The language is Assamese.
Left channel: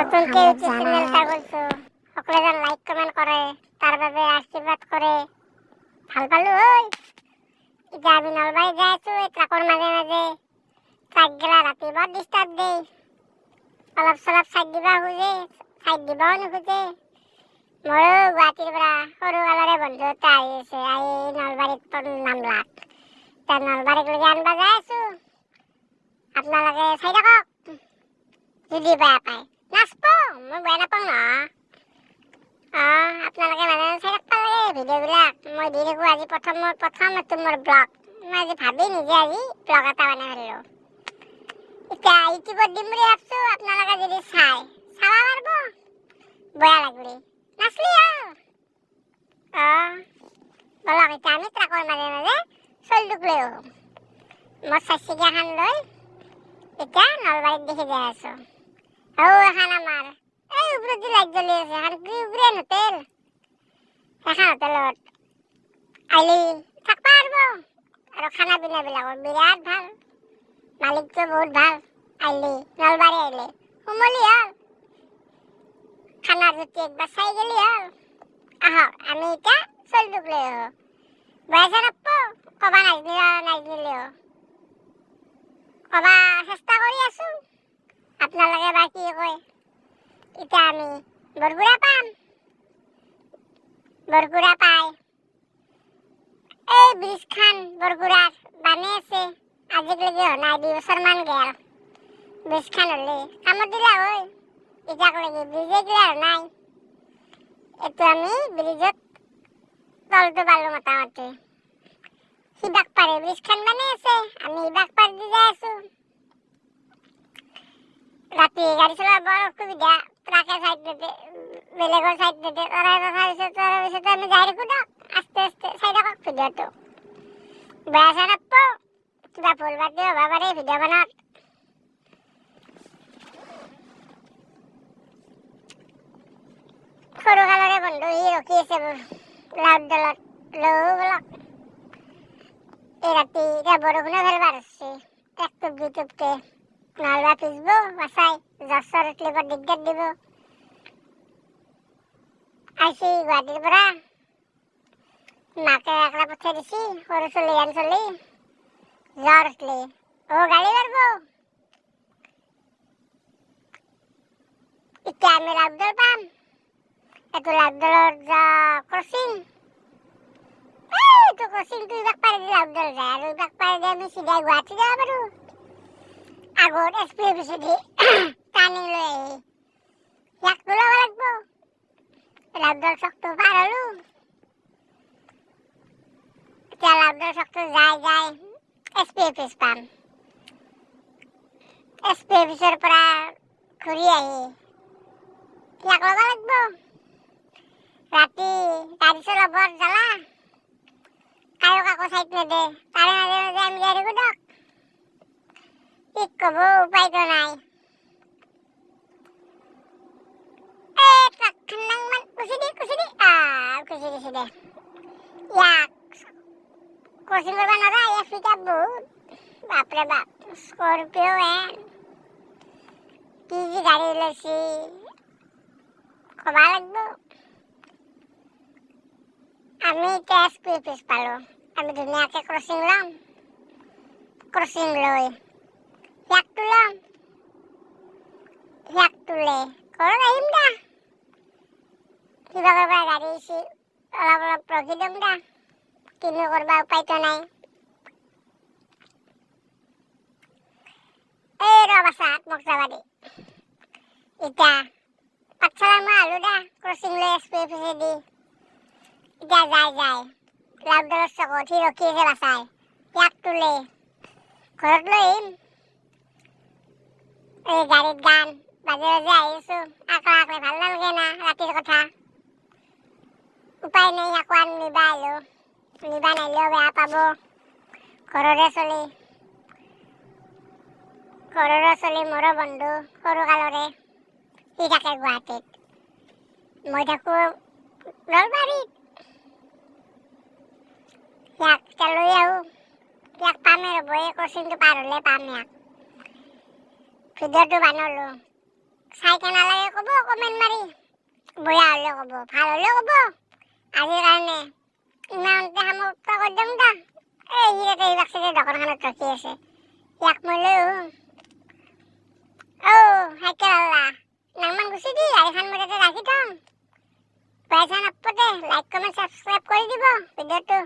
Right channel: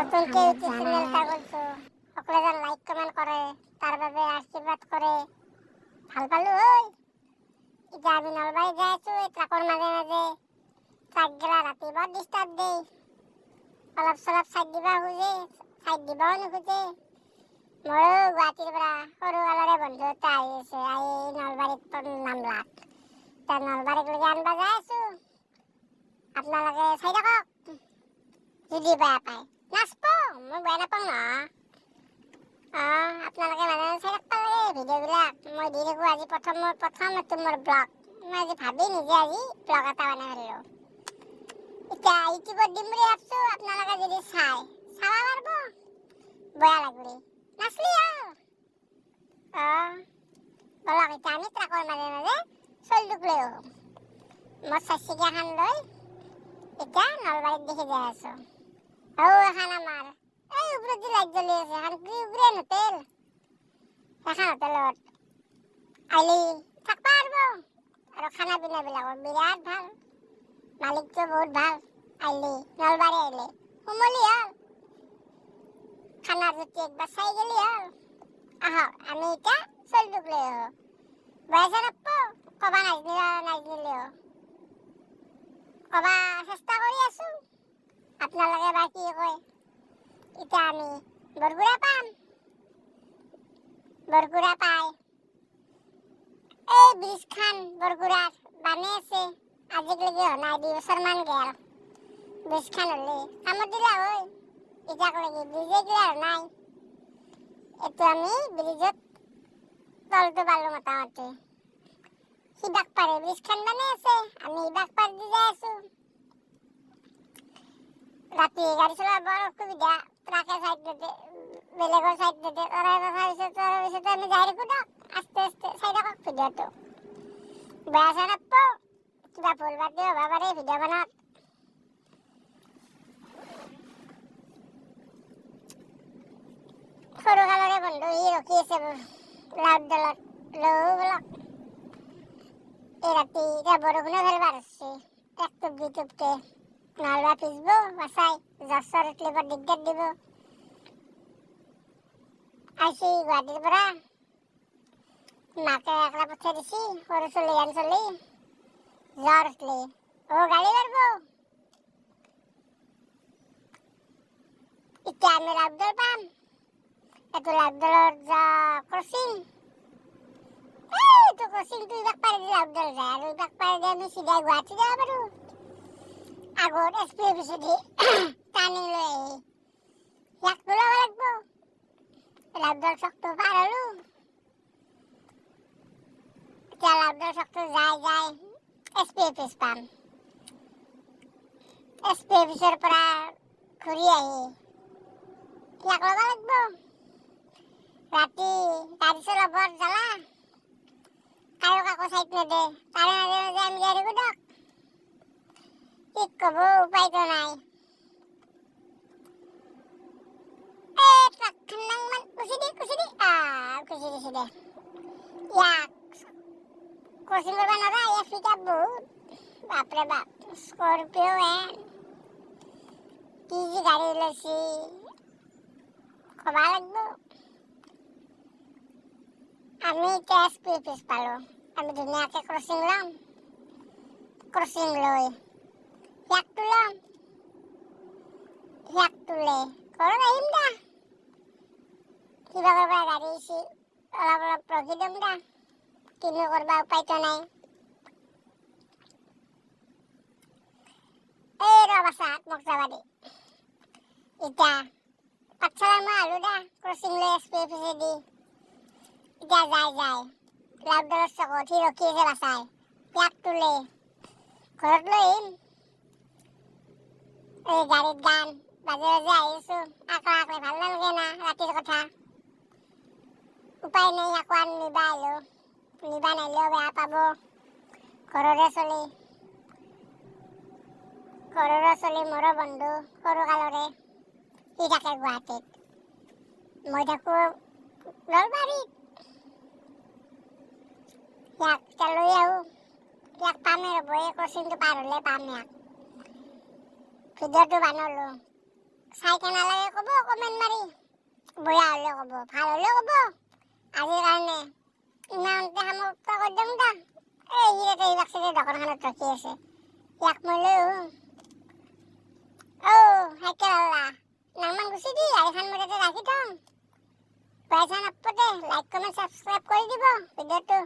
নতুন কে ইউটিউব চ্যানেলটা কৰছো সকলে যেন লাইক কমেন্ট কৰে তাৰ বাবে আশীৰ্বাদ কৰে ভাল পালো ওই এতিয়া আমি নলবাৰী যাই আছো এই ট্ৰাকৰ মাজে মাজে ট্ৰাক গেলা ৰাতি বৰ ডিষ্টাৰ্ব দেই অলপ চলপ চাইড দিবা খোজে চাইড দিবাও নোখোজে মোৰো গুৱাহাটীৰ পৰা সৰু কালৰে বন্ধু এটা আহি আছে আহি নলবাৰীত নামলাক এতিয়া নলবাৰীক লৈকে আনবা যাই আছো আপোনালোকে চাই থাকক যদি বেয়া পায় নাচব মই বেয়া নাপাওঁ ন আপোনালোকে মানে চাই থাকবা লাগে ভিডিঅ'বিলাক মই দি থাকোঁ আজি প্ৰথম এইটো মোৰ ব্লগ মই আজি ভাবি নিজে আজি ব্লগ এটা বনাই ফেললোঁ এতিয়া ইউটিউবত দিম বুলি ভাবছোঁ আপোনালোকে যদি চাব পাৰিব বেয়া লাগলি নাচলি বলক এতিয়া আমি ট্ৰাকৰ মাজে মাজে চলটোক লৈ আহোঁ মোৰ চাৰিচকীয়াখন লৈ এতিয়া নলবাৰীত দেখি যাই আছোঁ এখন আমাৰ এই ওপৰত লাইট জ্বলি আছে এখন কি উপৰে হোটেল এখন হোটেলত আইলি থাকবা পাৰিব আৰু খানা পিনাবিলাকৰ বিৰাট ভাল মালিকটো বহুত ভাল আইলি নলবাৰী আইলি সোমলি হ'ল খানাৰ জুতি একবাৰ চাই গেলি হ'ল আহক আমি এতিয়া চলটোক লৈ আহোঁ বয়সে নাপাব কবা নাজনিলেও কবা চেষ্টা কৰি আছোঁ আপোনালোকে বা কি কয় এতিয়া আমি বৰগুৰা পাম বৰগুৰা পাই এই ব্ৰিজখান বৰগুৰাৰ বানে আছে আজিলৈকে নাই 2 বছৰমান গেল ব্ৰিজখান হ'লে কামত দিলা হয় এতিয়ালৈকে ব্ৰিজে ক্লিয়াৰ নাই এইটো আমি ব্ৰিজত তলটো পালোঁ মোটামুটি সিবাক পাৰে ব্ৰিজখান বানে আছে আমি সিবাক পাৰ দি যাই আছোঁ ৰাতি গাড়ী চলোৱা বৰ অসুবিধা ট্ৰাকে চাইড নিদিয়ে বেলেগৰ চাইড নিদিয়ে তাৰ পিছত আমি যাই থাকোঁ দিয়ক আস্তে আস্তে চাই থাকক ভিডিঅ'টো বেয়া চেয়া নাপাব কিবা ভুল বাদ হ'ব পাৰে ভিডিঅ'খনত সৰু কালৰে বন্ধু সি ৰখি আছে লাউড দলত বলক এই ৰাতি এতিয়া বৰষুণে ফেলবা ধৰছে এক টুপ দুই টুপকে নহ'লে পিছব বাচাই জ্বৰ চৰ উঠলি বৰ দিগদাৰ দিব আইছি গুৱাহাটীৰ পৰা মাকে একলা পঠিয়াই দিছি সৰু চলি জ্বৰ উঠলি গাড়ী মাৰিব এতিয়া আমি লাউডল পাম এইটো লাউডলৰ ক্ৰচিং এইটো ক্ৰচিংটো ইবাক পাৰি দি লাউডল যায় আৰু ইবাক পাৰি দি আমি চিধাই গুৱাহাটী যাব পাৰোঁ আগত SP অফিচেদি টাৰ্ণিং লৈ আহি ইয়াক ওলাব লাগিব লাউডল চকটো পাৰ হ'লোঁ এতিয়া লাউডল চকটো যাই SP অফিচ পাম SP অফিচৰ পৰা ঘূৰি আহি ইয়াক ল'ব লাগিব ৰাতি গাড়ী চলোৱা বৰ জ্বালা কায়ো কাকো চাইড নেদে তাৰে মাজে মাজে আমি যাই থাকোঁ দিয়ক কি ক'ব উপায়তো নাই ট্ৰাকখন মান কুচি দি কুচি দিছে দে ইয়াক ক্ৰচিং কৰিব নোৱাৰা ইয়াক ফিটা বহুত বাপৰে বাপ স্কৰপিঅ' কি যি গাড়ী ওলাইছি ক'বা লাগিব আমি এতিয়া SP অফিচ পালোঁ আমি ধুনীয়াকৈ ক্ৰচিং ল'ম ক্ৰচিং লৈ ইয়াক তোলাম ইয়াক তোলে ঘৰত আহিম দা কিবা কৰবা গাড়ী আহিছি অলপ অলপ ৰখি দিম দা কিনো কৰবা উপায়তো নাই এই ৰ বাছা মোক যাবা দি এতিয়া পাঠশালা মই আলোঁ দা ক্ৰচিং লৈ SP অফিচেদি এতিয়া যায় লাউডলৰ চকত সি ৰখি আছে বাচাই ইয়াক তোলে ঘৰত লৈ আহিম এই গাড়ীত গান বাজে বাজে আহিছোঁ আকলে ভাল নালাগে না ৰাতিৰ কথা উপায় নাই আকৌ নিবা আহিলোঁ নিবা নাহিলেও বেয়া পাব ঘৰৰে চলি মোৰো বন্ধু সৰু কালৰে সি থাকে গুৱাহাটীত মই থাকোঁ নলবাৰীত ইয়াক এতিয়া লৈ আহোঁ ইয়াক পামেই ৰ'ব এই ক্ৰচিংটো পাৰ হ'লে পাম ইয়াক ভিডিঅ'টো বনালোঁ চাই কেনে লাগে ক'ব কমেণ্ট মাৰি, বেয়া হ'লেও ক'ব, ভাল হ'লেও ক'ব। আজিৰ কাৰণে ইমানতে সমাপ্ত কৰি দিওঁ দা। এই ইয়াতে এইবাক চাগে দোকানখনত ৰখি আছে, ইয়াক মই লৈ চাইকেল আলা নাংমান গুচি দি গাড়ীখন মই তাতে ৰাখি থওঁ। পইচা নাপাতে লাইক কমেণ্ট ছাবস্ক্ৰাইব কৰি দিব ভিডিঅ'টো।